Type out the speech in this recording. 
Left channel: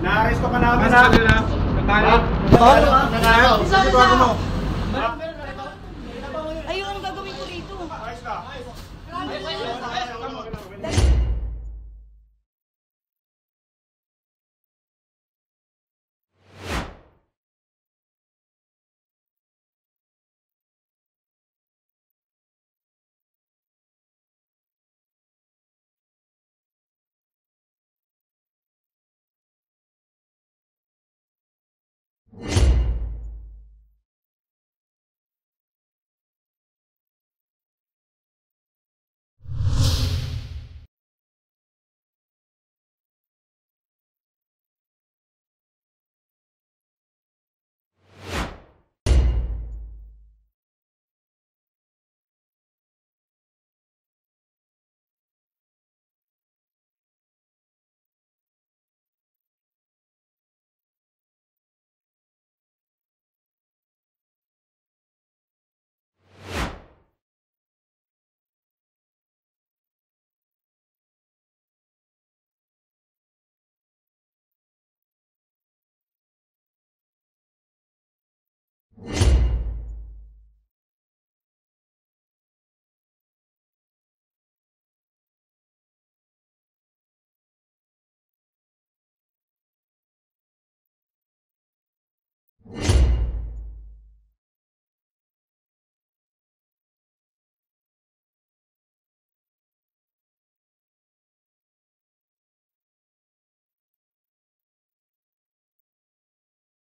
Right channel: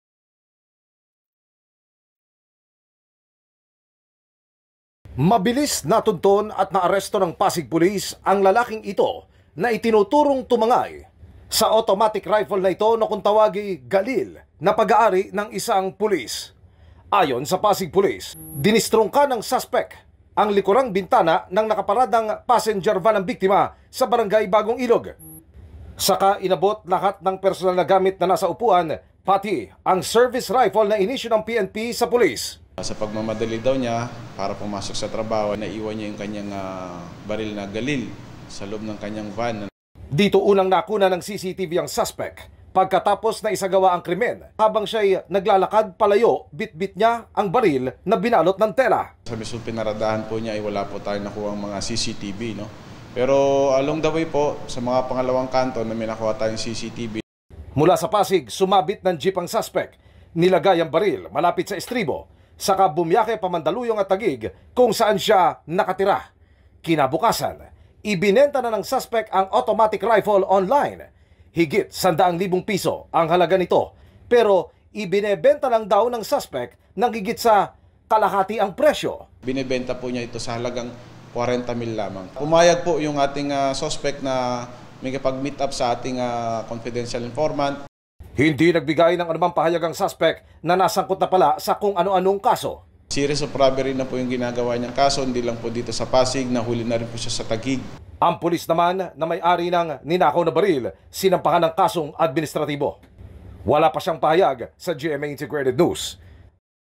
Na-arresto ka namin Mabilis natunton at naaresto ng Pasig Police ang lalaking ito na itinuturong tumangay sa automatic rifle na ito na kung tawagi Galil na pag-aari ng isang pulis. Ayon sa Pasig Police, dinistrungka ng suspect ang likurang bintana ng nakaparadang passenger van ng biktima sa barangay Bagong Ilog. Saka inabot lahat ng personal na gamit na nasa upuan, pati ang service rifle na inisyu ng PNP sa pulis. Sa pagmamadali daw niya para pumasok sa trabaho, naiwan niya yung kanyang baril na Galil sa loob ng kanyang van. Dito unang nakuna ng CCTV ang suspect pagkatapos na isagawa ang krimen. Habang siya'y naglalakad palayo, bit-bit niya ang baril na binalot ng tela. Sa mismong pinaradahan po niya ay wala po tayong nakuha mga CCTV. No? Pero along the way po, sa mga pangalawang kanto na may nakuha tayong CCTV. Mula sa Pasig, sumabit ng jeep ang suspect. Nilagay ang baril malapit sa estribo. Saka bumiyake pa Mandaluyong at Taguig kung saan siya nakatira. Kinabukasan, ibinenta na ng suspect ang automatic rifle online. Higit 100,000 piso ang halaga nito. Pero ibinebenta lang daw ng suspect ng higit sa kalahati ang presyo. Binebenta po niya ito sa halagang 40,000 lamang. Pumayag po yung ating suspect na may kapag-meet up sa ating confidential informant. Hindi nagbigay ng anumang pahayag ang suspect na nasangkot na pala sa kung ano-anong kaso. Series of robbery na po yung ginagawa niyang kaso, hindi lang po dito sa Pasig, nahuli na rin po siya sa Taguig. Ang pulis naman na may-ari ng ninakaw na baril, sinampahan ng kasong administratibo. Wala pa siyang pahayag sa GMA Integrated News.